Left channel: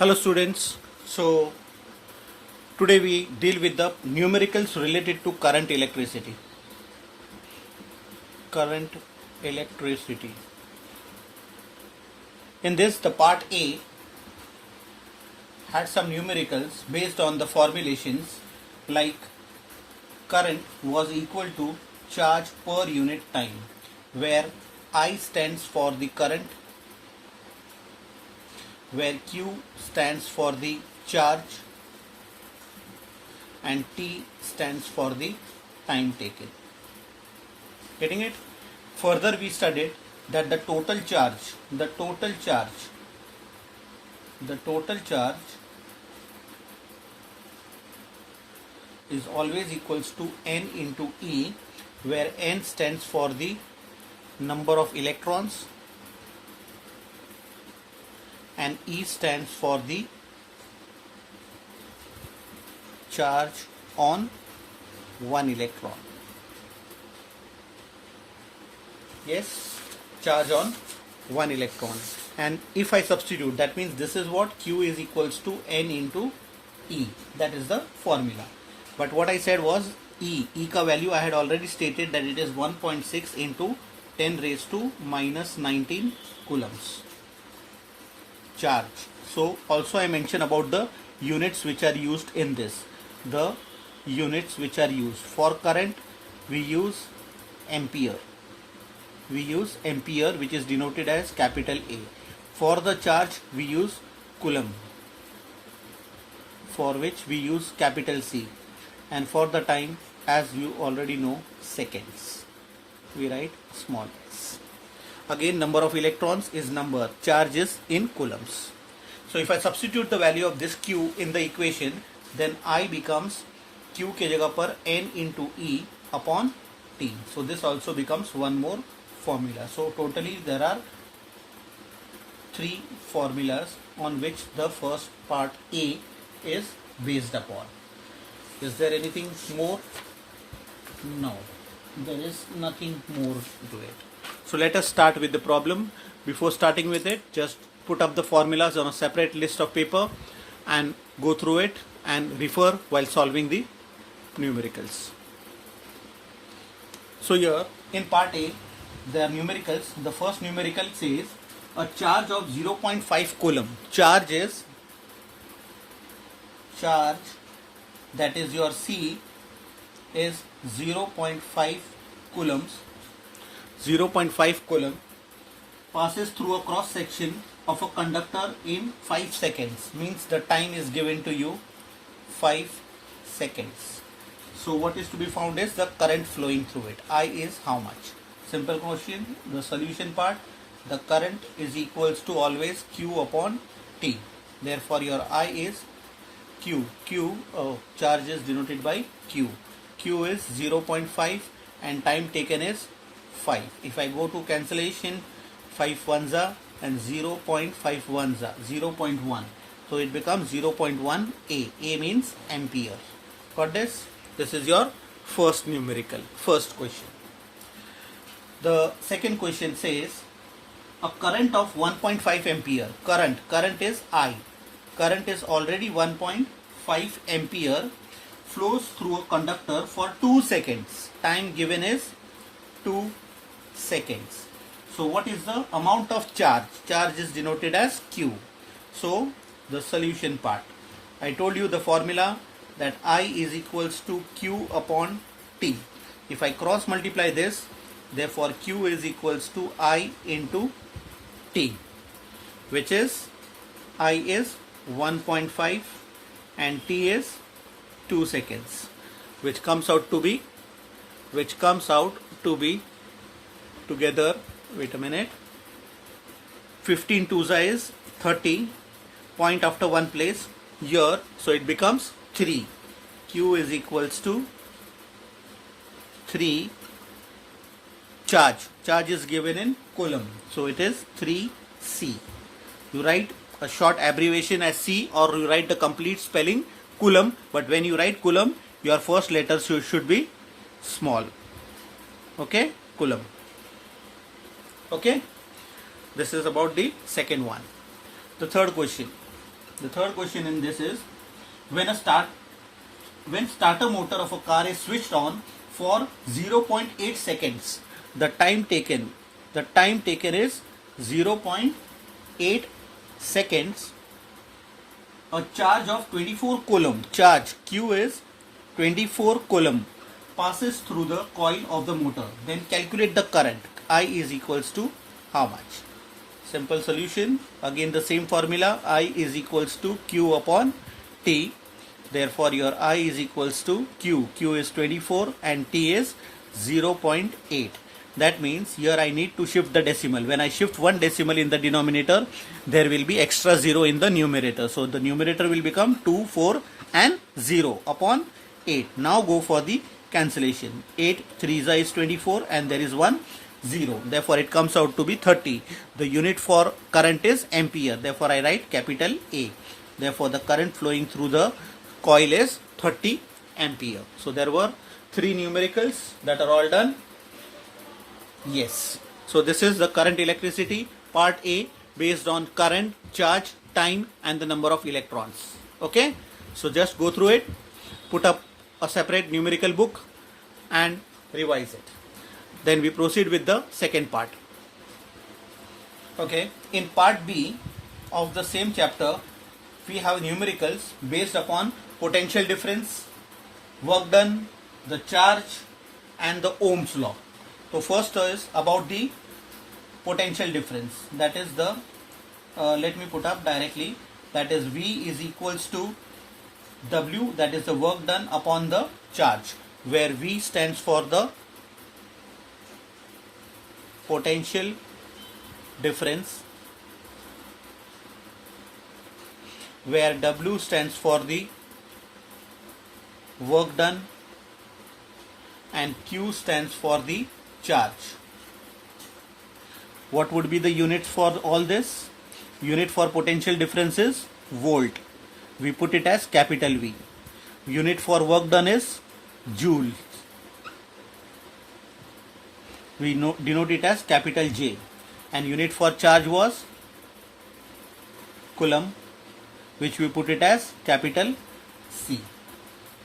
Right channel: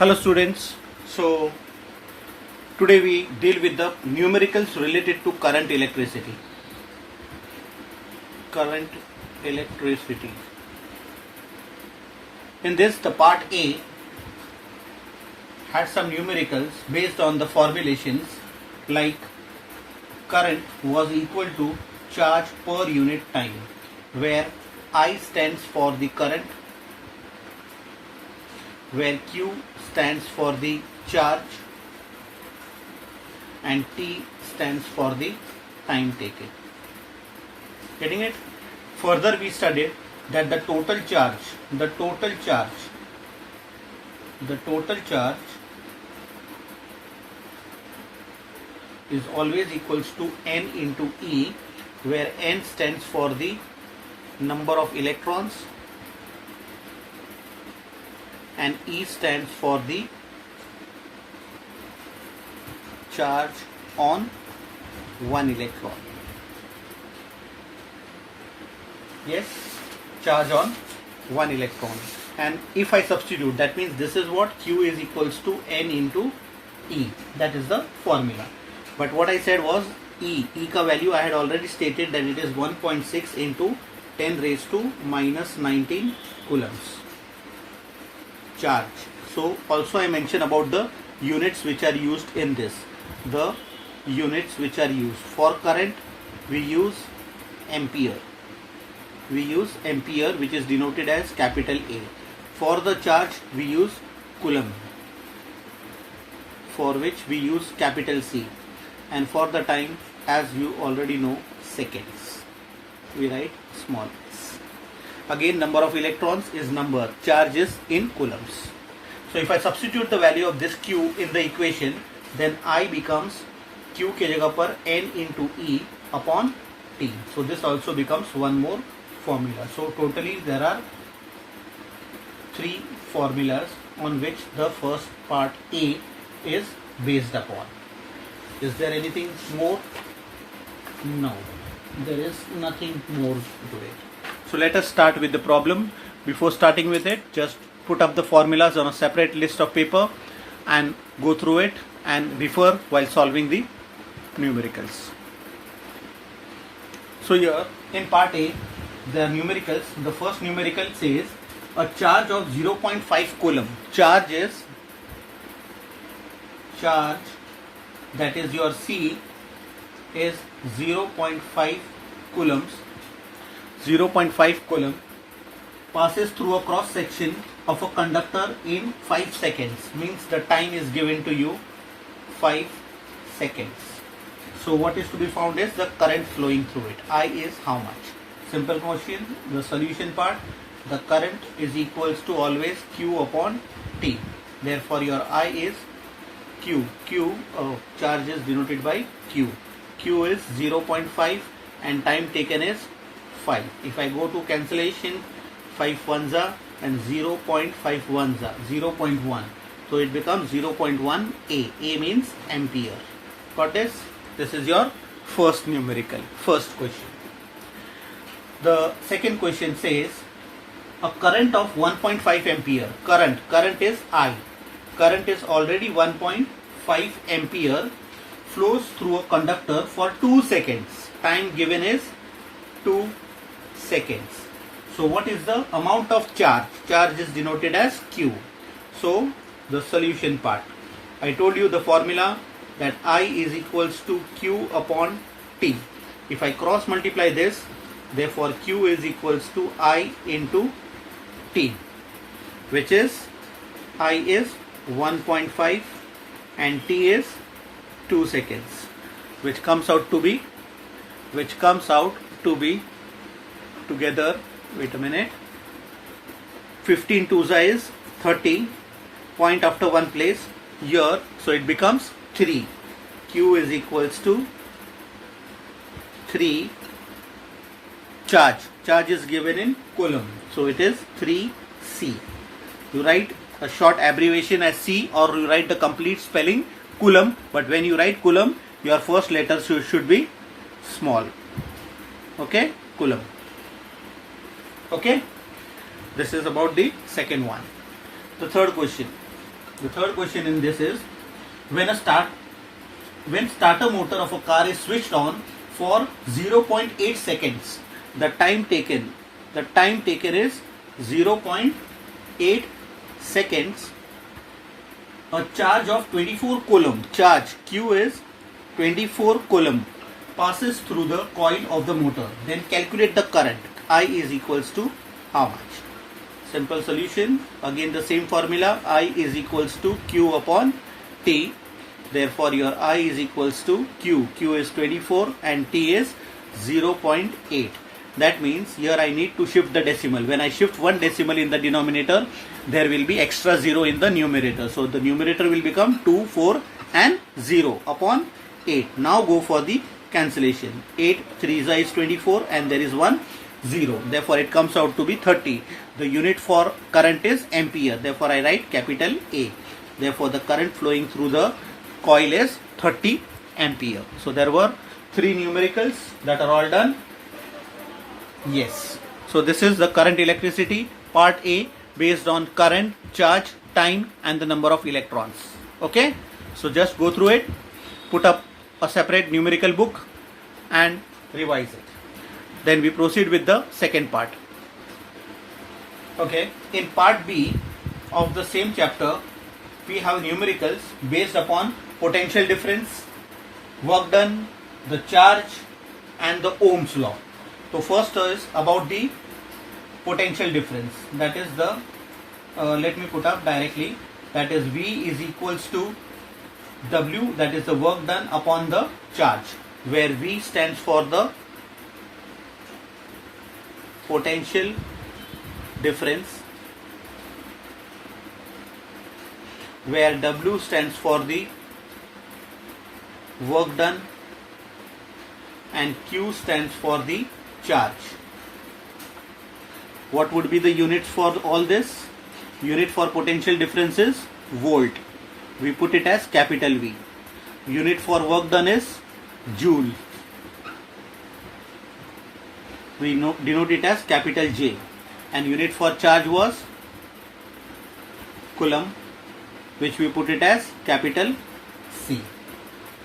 Hello students. So today we deal with the numericals related to current electricity. Current electricity. In this, the part A had some numericals based on the formulations like current was equal to charge per unit time, where I stands for the current, where Q stands for the charge and T stands for the time taken. Getting it? Further we studied that the total charge is always equals to N into E, where N stands for the number of electrons and E stands for the charge on one electron. Yes, charge on one electron. And if I substitute, that means this is what Q is equals to N into E. That is the formula. But what I said was E ka value I had already stated that it is 1.6 into 10 raised to minus 19 coulombs. Charge. So also I mentioned about the units which are used in this. The units which are used for current, we use ampere. We use ampere, which is denoted as capital A. For the charge, we use coulomb, for which we use capital C. And for the time, as you already know, seconds. We write small s. Again, number of electrons is number, charge is in coulombs. So if I substitute the value of this Q in the equation, then I becomes Q ke jagah par N into E upon T. So this also becomes one more formula. So totally there are three formulas on which the first part A is based upon. Is there anything more? No, there is nothing more to it. So let us start with the problem. Before starting with it, just put up the formulas on a separate list of paper and go through it and refer while solving the numericals. So here in part A, the numericals, the first numerical says a charge of 0.5 coulomb. Charge, that is your C, is 0.5 coulombs. 0.5 coulomb passes through a cross section of a conductor in 5 seconds. Means the time is given to you 5 seconds. So what is to be found is the current flowing through it. I is how much? Simple question. The solution part, the current is equals to always Q upon T. Therefore your I is Q. Charge is denoted by Q. Q is 0.5 and time taken is 5. If I go to cancellation, 5 ones are and 0.5 ones are 0.1. So it becomes 0.1 A. A means ampere. Got this? This is your first numerical, first question. The second question says a current of 1.5 ampere. Current is I. Current is already 1.5 ampere flows through a conductor for 2 seconds. Time given is 2 seconds. So what is the amount of charge? Charge is denoted as Q. So the solution part. I told you the formula that I is equals to Q upon T. If I cross multiply this, therefore Q is equals to I into T, which is I is 1.5 and T is 2 seconds, which comes out to be together, wait a minute, 15 twos is 30, point after one place here, so it becomes 3. Q is equals to 3. Charge is given in coulomb, so it is 3C. You write a short abbreviation as C, or you write the complete spelling coulomb, but when you write coulomb, your first letter should be small. Okay, coulomb. Okay, this is about the second one. The third question, The third question in this is, when starter motor of a car is switched on for 0.8 seconds, the time taken is 0.8 seconds. A charge of 24 coulomb, charge Q is 24 coulomb, passes through the coil of the motor. Then calculate the current. I is equals to how much? Simple solution. Again the same formula. I is equals to Q upon T. Therefore your I is equals to Q. Q is 24 and T is 0.8. That means here I need to shift the decimal. When I shift one decimal in the denominator, there will be extra 0 in the numerator. So the numerator will become 2, 4 and 0 upon 8. Now go for the cancellation. 8 3 is 24 and there is 1 0. Therefore it comes out to be 30. The unit for current is ampere. Therefore I write capital A. Therefore the current flowing through the coil is 30 ampere. So there were 3 numericals that are all done. Yes. So this is the current electricity part A, based on current, charge, time and the number of electrons. Okay. So just go through it, put up a separate numerical book and revise it. Then we proceed with the second part. Okay. In part B of the same chapter, we have numericals based upon potential difference, work done, the charge and the Ohm's law. So first is about the potential difference. That is the, let me put up directly, that is V is equals to W, that is the work done upon the charge, where V stands for the potential difference, where W stands for the work done and Q stands for the charge. What would be the units for all this? Unit for potential difference is volt. We put it as capital V. Unit for work done is joule. We denote it as capital J. And unit for charge was coulomb, which we put it as capital C.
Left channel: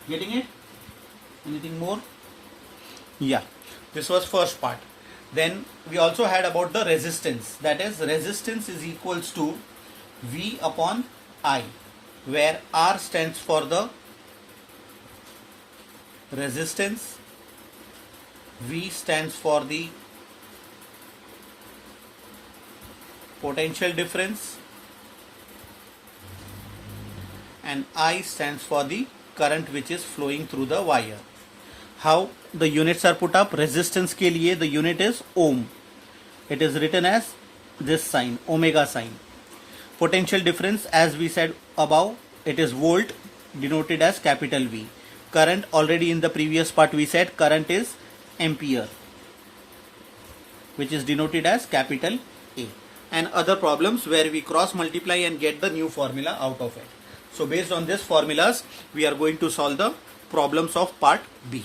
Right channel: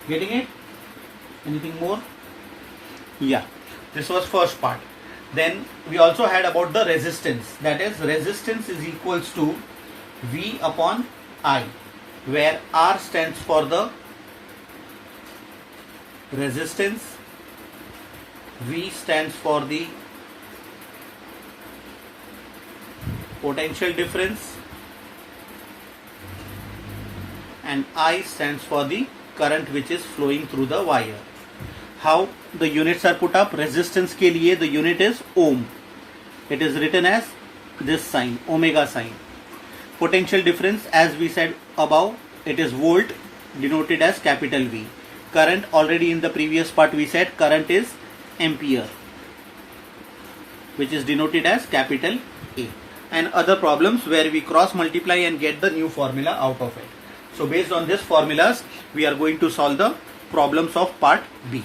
Getting it? Anything more? Yeah. This was first part. Then we also had about the resistance. That is, resistance is equals to V upon I, where R stands for the resistance, V stands for the potential difference and I stands for the current which is flowing through the wire. How the units are put up? Resistance के लिए the unit is ohm. It is written as this sign, omega sign. Potential difference, as we said above, it is volt, denoted as capital V. Current, already in the previous part we said current is ampere, which is denoted as capital A. And other problems where we cross multiply and get the new formula out of it. So based on this formulas, we are going to solve the problems of part B.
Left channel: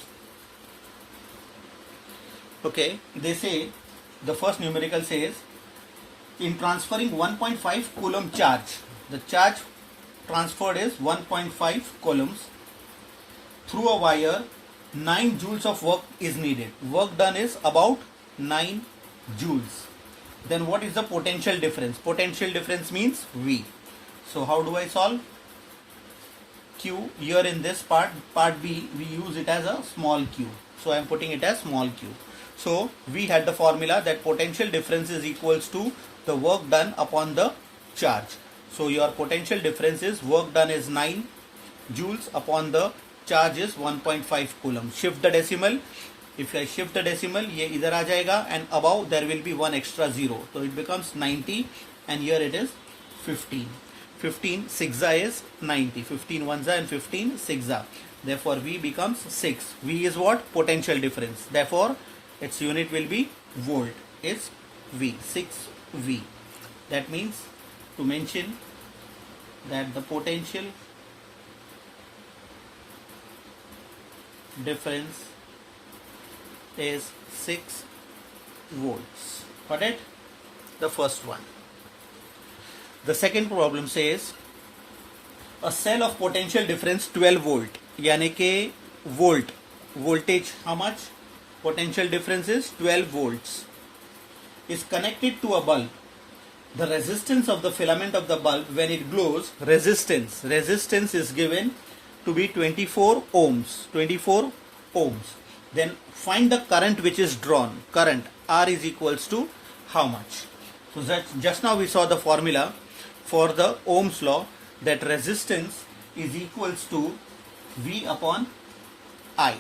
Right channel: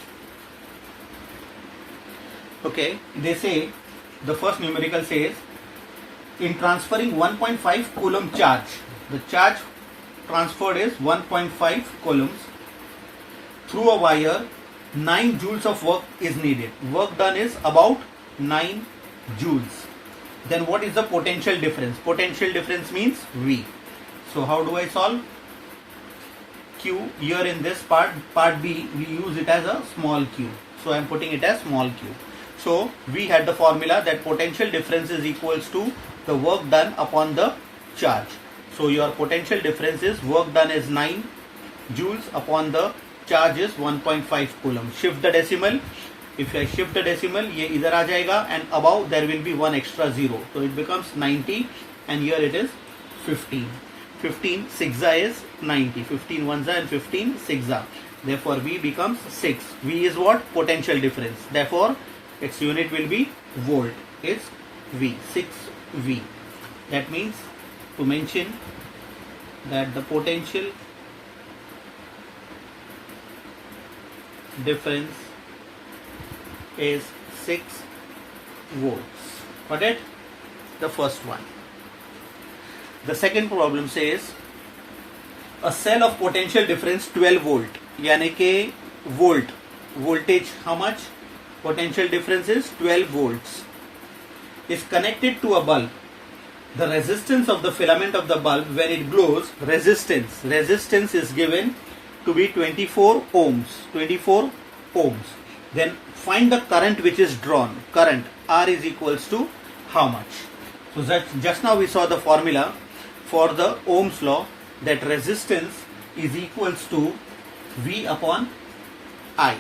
Okay, they say, the first numerical says, in transferring 1.5 coulomb charge, the charge transferred is 1.5 coulombs through a wire, 9 joules of work is needed. Work done is about 9 joules. Then what is the potential difference? Potential difference means V. So how do I solve? Q, here in this part B, we use it as a small q. So I am putting it as small q. So we had the formula that potential difference is equals to the work done upon the charge. So your potential difference is work done is 9 joules upon the charge is 1.5 coulomb. Shift the decimal. If I shift the decimal, ये इधर आ जाएगा and above there will be one extra 0. So it becomes 90 and here it is 15. 15 6 is 90. 15 1 and 15 6. Therefore V becomes 6. V is what? Potential difference. Therefore its unit will be volt. It's V. 6V. That means to mention that the potential difference is 6 volts. Got it? The first one. The second problem says a cell of potential difference 12 volt, यानी के volt, voltage how much, potential difference is 12 volts, is connected to a bulb. The resistance of the filament of the bulb when it glows, resistance is given to be 24 ohms, 24 ohms. Then find the current which is drawn. Current R is equals to how much? So that just now we saw the formula for the Ohm's law, that resistance is equals to V upon I.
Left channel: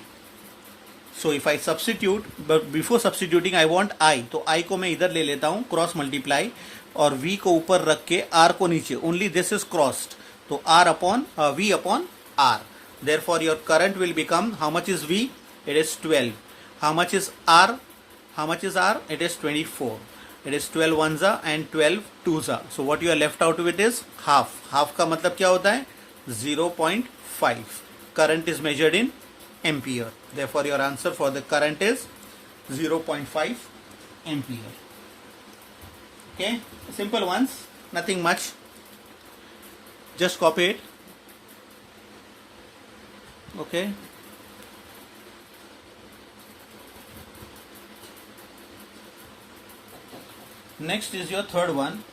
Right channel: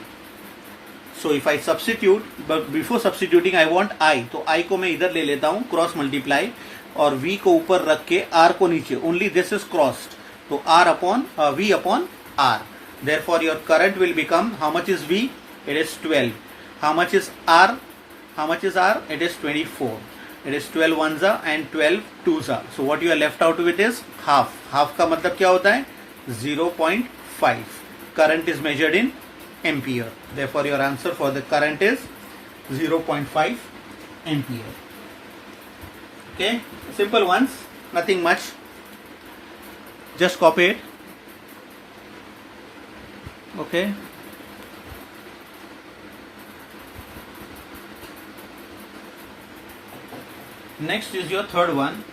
So if I substitute, but before substituting I want I, तो I को मैं इधर ले लेता हूँ cross multiply, और V को ऊपर रख के R को नीचे, ओनली दिस इज क्रॉस्ड, तो R upon V upon R. Therefore your current will become, how much is V? It is 12. How much is R? How much is R? It is 24. It is 12 ones are and 12 twos are. So what you are left out with is half. Half का मतलब क्या होता है? 0.5. Current is measured in ampere. Therefore your answer for the current is 0.5 ampere. Okay, simple ones, nothing much. Just copy it. Okay. Next is your third one,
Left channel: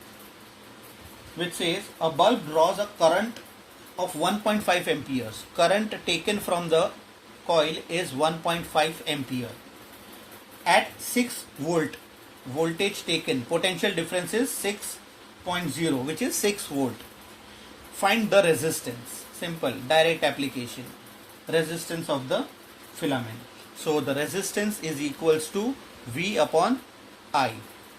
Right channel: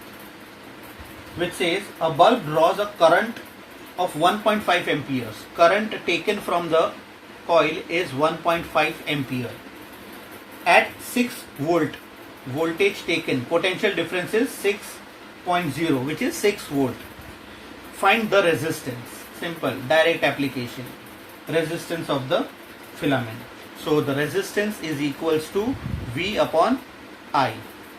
which says a bulb draws a current of 1.5 amperes. Current taken from the coil is 1.5 ampere. At 6 volt, voltage taken, potential difference is 6.0, which is 6 volt. Find the resistance. Simple, direct application. Resistance of the filament. So the resistance is equals to V upon I.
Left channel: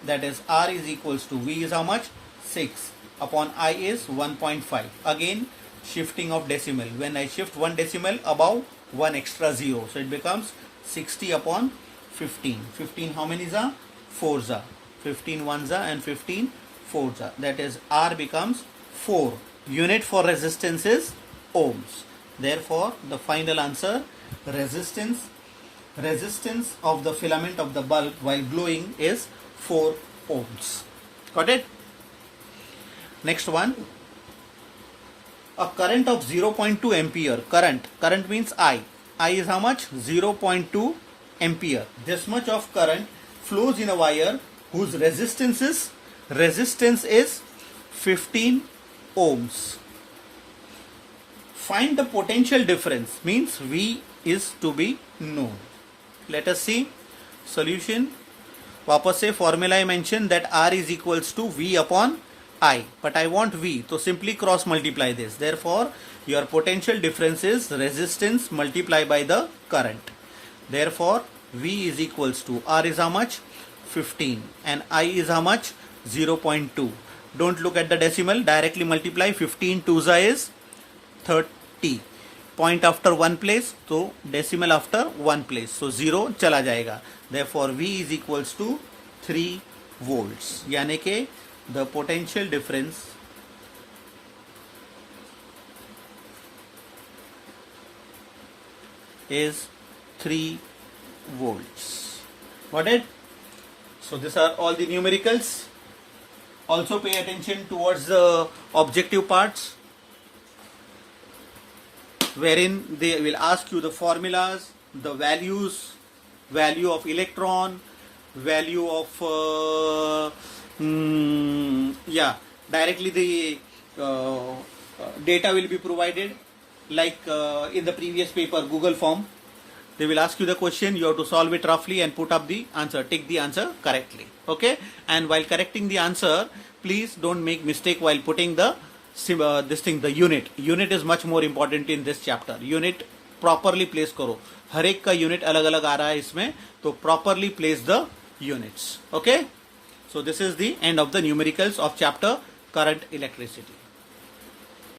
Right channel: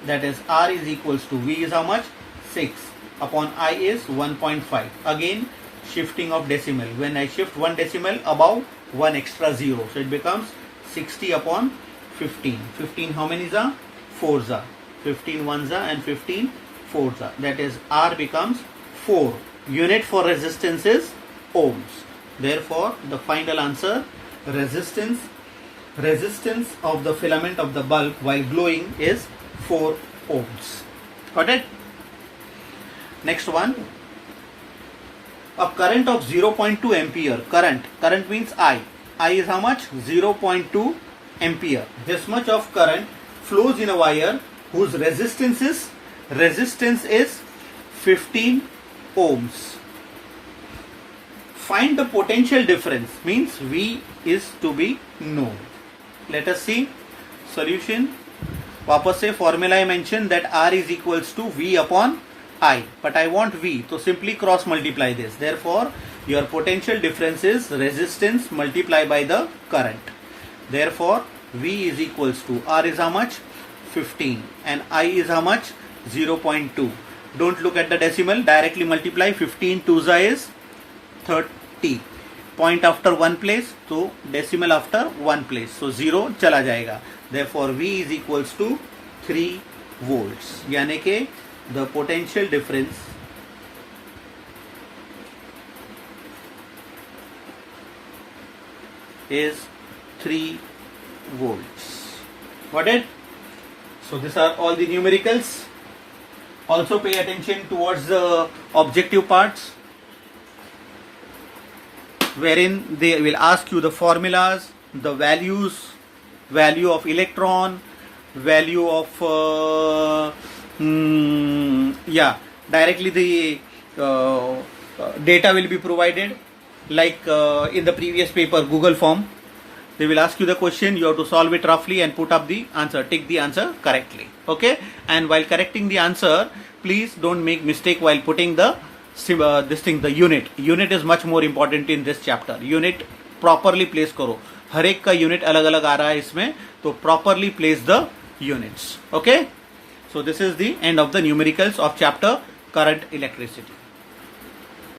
That is R is equals to V is how much? 6 upon I is 1.5. Again shifting of decimal. When I shift one decimal above, one extra zero. So it becomes 60 upon 15. 15 how many are? 4s are. 15 ones are and 15 4s are. That is R becomes 4. Unit for resistance is ohms. Therefore the final answer, resistance of the filament of the bulb while glowing is 4 ohms. Got it? Next one. A current of 0.2 ampere. Current means I. I is how much? 0.2 ampere. This much of current flows in a wire whose resistance is 15 ohms. Find the potential difference, means V is to be known. Let us see solution. वापस से formula I mentioned that R is equals to V upon I, but I want V, so simply cross multiply this. Therefore your potential difference is resistance multiplied by the current. Therefore V is equals to R is how much? 15 and I is how much? 0.2. Don't look at the decimal, directly multiply. 15 2s is 30. Point after one place, so decimal after one place, so 0 चला जाएगा. Therefore V is equals to 3 volts. यानी के the potential difference is 3 volts. Got it? So these are all the numericals. Also pay attention towards the objective parts, wherein they will ask you the formulas, the values, value of electron, value of directly the data will be provided, like in the previous paper Google form. They will ask you the question, you have to solve it roughly and put up the answer, take the answer correctly. Okay, and while correcting the answer, please don't make mistake while putting the the unit is much more important in this chapter. Unit properly place करो, हर एक का unit अलग अलग आ रहा है इसमें, तो properly place the units. Okay, so this is the end of the numericals of chapter current electricity.